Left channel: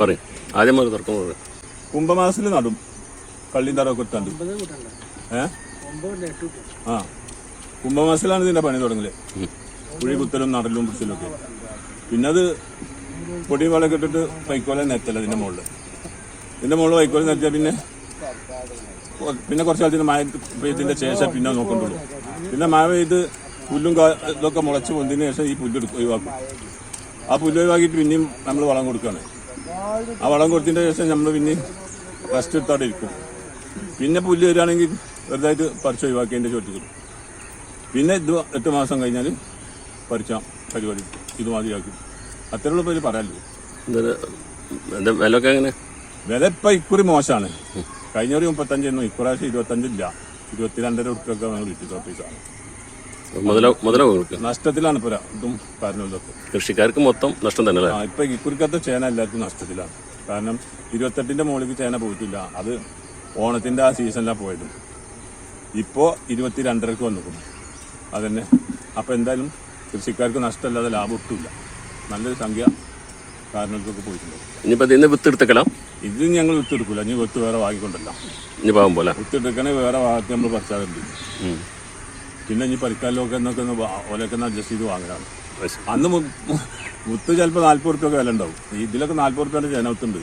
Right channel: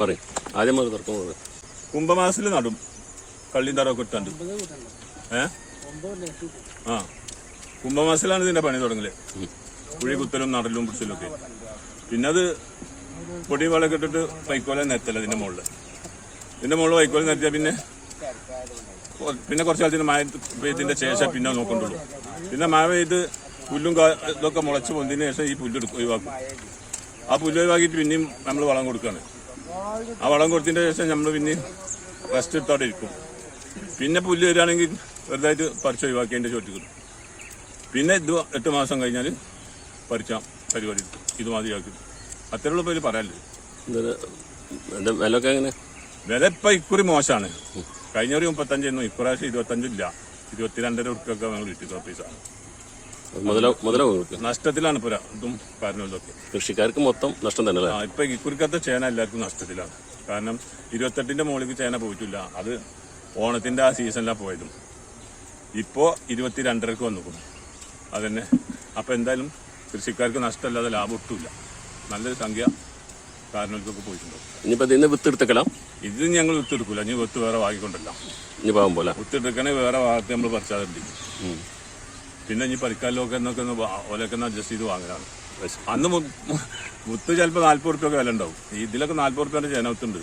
പറയും ആദ്യം തുറക്കും. കുംഭമാസത്തിൽ നടും കള്ളിയും തറവൊക്കെ ഇട്ടുണ്ട്. കുംഭമാസത്തിലാണ് ഇതിന്റെ പണി തുടങ്ങല്. കുഴി കുത്തലും നടലും പിടിച്ചലും ഒക്കെ. പിന്നെ അത് പൊടിയും വളമൊക്കെ ഇട്ടിട്ട് വൈക്കോലും നെത്തല്ല ഇതിന്റെ മുകളിൽ. ഇതിന്റെ മുകളിൽ വൈക്കോലും നെത്തിയാൽ പിന്നെ കുറച്ചാഴ്ച മഴ ഇതിന്റെ ശേഷം പിന്നെ നോക്കണ്ടുള്ളൂ. പിന്നെ മഴ പെയ്ത് പുല്ലും ഇതൊക്കെ മുളച്ച് പൊന്തിന് ശേഷം ഈ പുല്ല് ഒഴിവാക്കും. ആ പുല്ല് ഒഴിവാക്കിയിട്ട് പിന്നെയും നമ്മൾ വളം കൊടുക്കുകയാണ്. ആ വളം കൊടുത്തതിന്റെ ശേഷം നമ്മൾ പിന്നെയും ഫസ്റ്റ് ഇട്ടോടെ ഇരിക്കും. പിന്നെ പുല്ല് വരികയാണെങ്കിൽ വെറുതായിട്ട് പറിച്ച് ഒഴിവാക്കി അതിൻ്റെ ചോട്ടിക്കിടും. പിന്നെ ഇത് 8 മാസം കഴിഞ്ഞാൽ പറിച്ചാൽ പരിപാടി ഇത് മതിയാക്കി. അത്രയുള്ള പേര് പറയാല്ലേ. വില ഇപ്പം ഇക്കുറി മോശമാണ്. കഴിഞ്ഞൊരു 35 ഇക്കുറാവശ്യം 25 ഇല്ല. 22.5 ഉറുപ്പൊക്കെ കിട്ടി. ഓഫീസാണ് നഷ്ടത്തിലാണ് ഇപ്പൊ ഇതും കാര്യങ്ങളൊക്കെ. കൃഷിക്കാർക്ക് മൊത്തം നഷ്ടം തന്നെ. ഇപ്പൊ ഇക്കുറിക്കത്ത് ചേന എല്ലാവർക്കും നഷ്ടത്തിലാണ്. കാരണം 28ന്റെ മുകളിലേക്ക് ചേന പോയിട്ടില്ല. അത് ഓണത്തിന്റെ ആ സീസണിലാണ് പോയത്. ഇപ്പോ 22.5 വന്നിട്ടുണ്ട്. അതന്നെ. അപ്പൊ എന്തായാലും കൃഷിക്കാർക്ക് നഷ്ടമല്ലാതെ ലാഭം ഒട്ടുമില്ല. നല്ലൊരു സംഖ്യ കാരണങ്ങൾക്കൊക്കെ പോയിട്ടുണ്ട്. ഇനിയിപ്പോ ഇതിന് വിത്ത് എടുത്തേക്കണം. ഇത് ഞങ്ങൾ വിത്തെടുക്കില്ല. ഇനി വിത്ത് വേറെ വാങ്ങിക്കൊണ്ടല്ല. ഇനി പാവം പോലെ വിത്തെടുക്കണേ വേറെ ഭാഗത്ത് നമ്മൾ പറിച്ചാറുണ്ട്. പിന്നെ ഇനി പരിക്കാലൊക്കെ എന്നൊക്കെ ഓലൊക്കെ അഡ്ജസ്റ്റ് ചെയ്ത് വാങ്ങലാണ്. അന്ന് വിത്ത് ചിലപ്പോൾ 40 ഉറുപ്പൊക്കെ വില ഉണ്ടാവും. ഇതിലൊക്കെ 40 ഉറുപ്പൊക്കെ ചേന വിത്തുണ്ട്.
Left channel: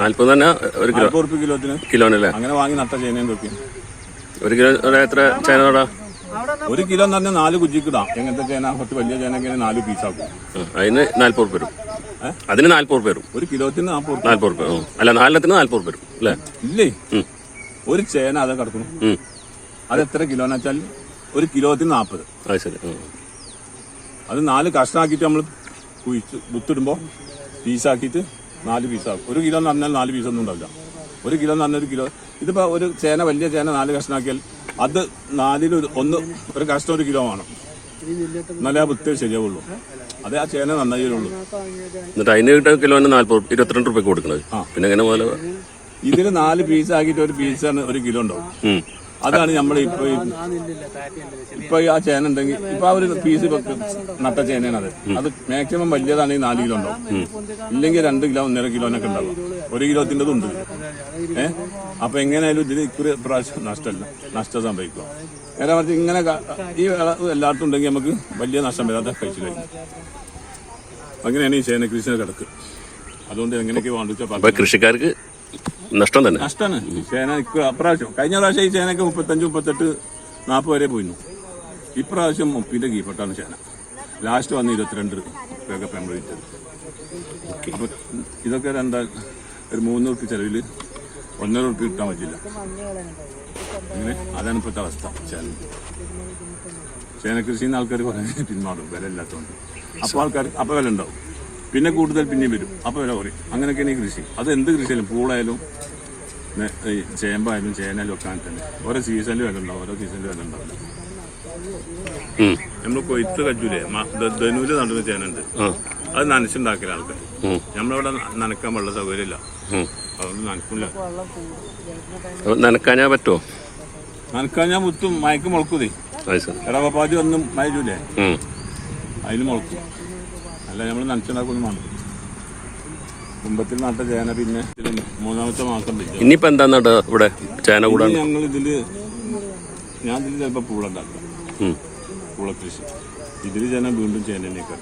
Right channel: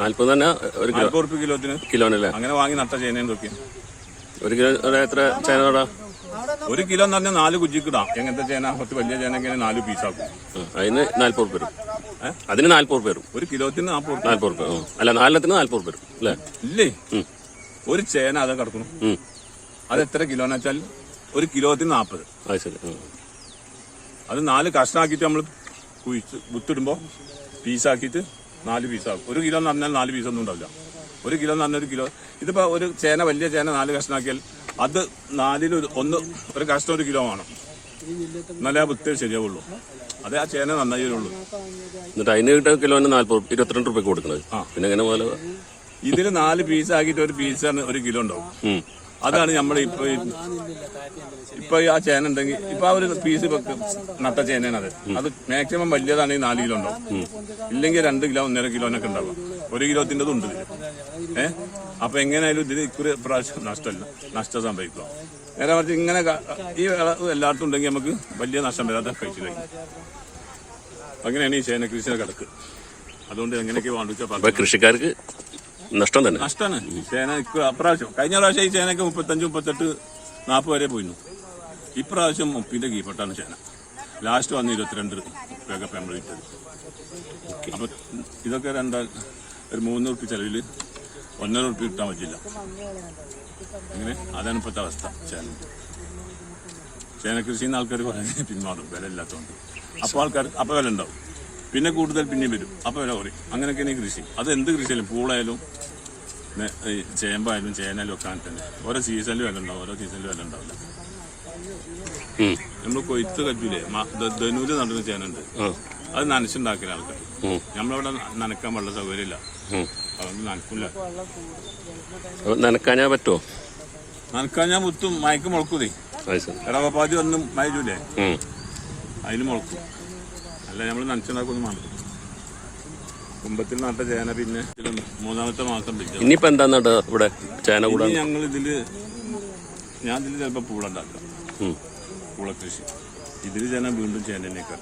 40 തന്നെ 40 ഉറുപ്പ് കിലോനല്ലേ. അങ്ങനെ വാങ്ങി നട്ട ചേനയും നോക്കി. 1 കിലോ എത്ര ചേന നടാ? 1 കിലോ എന്ന് പറഞ്ഞാൽ 4 കുജിക്കിടാം. എങ്ങനത്തെ ചേന കുറച്ച് വലിയ ചേനൊക്കെ 4 പീസാക്കും. അതിന് 40 ഉറുപ്പ് വരും. അതിന് 40 ഉറുപ്പ് വരും. 1 കിലോത്തിന് 40 ഉറുപ്പ്. അല്ല 4 40 ഉറുപ്പ് വരും അല്ലേ? ഇല്ലേ, ഒരു ചേന അതെ കിടക്കുന്നു. അത് എത്ര കിലോന്ന് വെച്ചാൽ 1 കിലോത്തിന് 40. ശരി. അത് 4 കഷ്ണാക്കിയിട്ട് നമ്മൾ വിത്തിടുമ്പോൾ പീസാക്കിയിട്ട് 4 പീസാക്കും. 1 കിലോ എന്ന് പറഞ്ഞാൽ 4 പീസൊന്നും ഉണ്ടാവില്ല. 1 കിലോ എന്ന് പറഞ്ഞാൽ 1 കിലോ. ഇതിപ്പോ ഒരു ചേന വലിയ ചേന 4 കഷ്ണാക്കിയാൽ അത് 4-ൽ ഒരു കഷ്ണം 1 കിലോ വേണം. എന്നാലേ ആ വിത്ത് ശരിയാവുള്ളൂ. അത് ആ ചേന നന്നായി വരുള്ളൂ. എന്നിട്ട് അതിന് കിലോന് 22 ഉറുപ്പിക കൊടുക്കണത്. പിന്നെ എങ്ങനെ പോലെ ഇതിൽ 4 പീസാക്കിയിട്ട് ഒരു പീസാണ് 1 കിലോ ഉണ്ടാവും. അതാണ് നമ്മൾ ഇപ്പൊ ആ ചേന ഉണ്ടെങ്കിൽ ഇപ്പൊ ആ ഒരു പീസ് നട്ട ചേനയാണ്. അത് മാക്സിമം വലിയതാണെങ്കിൽ 4 കിലോ ഉണ്ടാവും. ഇല്ലെങ്കിൽ 2 കിലോ 1.5 കിലോനൊക്കെ ഉണ്ടാവും. 1 കിലോത്തിൻ്റെത് ഉണ്ട്. അപ്പൊ എങ്ങനെയായാലും ഇതിന് ഇക്കുറി പ്രാവശ്യം നഷ്ടം സംഭവിക്കുക. നേരെ മറിച്ച് ഇങ്ങനെ ഈ എല്ലായിടത്തും ഉണ്ടെങ്കിൽ നമുക്ക് വലിയ നഷ്ടം വരാതെ കഴിച്ചു കഴിഞ്ഞു. അങ്ങനെയാണ് ഈ ചേന കൃഷിയുടെ കിടക്ക്. അതുകൊണ്ട് എങ്ങനെയൊക്കെ വാങ്ങിച്ച കൃഷിക്കാർക്ക് നഷ്ടം തന്നെ. നഷ്ടമാണ് ചേന. അപ്രാവശ്യം കഴിഞ്ഞ പ്രാവശ്യം ഈ ചേനയൊക്കെ 35, 38, 40 വരെ പോയിരുന്നു. ഇപ്രാവശ്യം 30ന്റെ കീഴ്പ്പെട്ടാണ് ചേന. ലാസ്റ്റ് വന്ന് 22 രൂപയൊക്കെ നമ്മൾ ഇട്ടത്. അപ്പൊ ഇതൊക്കെ എന്താ ഒരു 3 ഉറുപ്പിക ചെലവിൽ 1.5 ഉറുപ്പിക കിട്ടാൻ പറ്റില്ല. അങ്ങനെ അതാണ് ഇപ്പോഴത്തെ അവസ്ഥ. ചേന കൃഷി ചെയ്യുന്ന ആൾക്കാർ കുറേ പിന്മാറും വില ഇല്ലാത്തതുകൊണ്ട്. അപ്പോൾ ആൾക്കാർ അപ്പോൾ വില ഉണ്ടാവും. പിന്നെ കൂടുതൽ പിന്നെയും വരും. അപ്പോൾ വില കുറയും. അങ്ങനെയൊക്കെയാണ് ഈ കൃഷി. അത് എന്ത് കൃഷിയായാലും പൂളായാലും ചേമ്പായാലും ചേനയിലും ഒക്കെ തന്നെ ഓരോ സീസണിൽ വില ഉണ്ടാവും. ഓരോ സീസണിൽ വില ഉണ്ടാവില്ല. നമ്മൾ കൊയ്ത്ത് കച്ചൂലേ, ധനൂല് നടുന്ന ചേനുണ്ട്. അത് നനച്ചുണ്ടാക്കല ആൾക്കാർ. നമ്മളിവിടെ നനക്കാൻ വെള്ള സൗകര്യമില്ല. അതുകൊണ്ട് നനക്കില്ല. നനക്കാഞ്ഞാ പറ്റുമോ? നനക്കാഞ്ഞാൽ മുത്തും മയക്ക് മുളക്കൂതേ. ഇടവപ്പാതി വന്നും മയച്ചൂലേ, അതിൽ മുളക്കും. അല്ല നമ്മൾ നനച്ചുണ്ടാക്കൊന്നും വേണ്ട. കുമ്പത്തിൽ നട്ട ചേന പിന്നെ 3ാമത്തെ മാസം. ഇനിയിപ്പോ എന്താ ഇവിടെ ചേന കൂടാ? ഞാൻ ഇതില് ചിലപ്പോ പൂള ഉണ്ടാക്കാം. പൂളക്കൃഷി. ഇതില് ചേന വീണ്ടും ചേന തന്നെയൊക്കെ.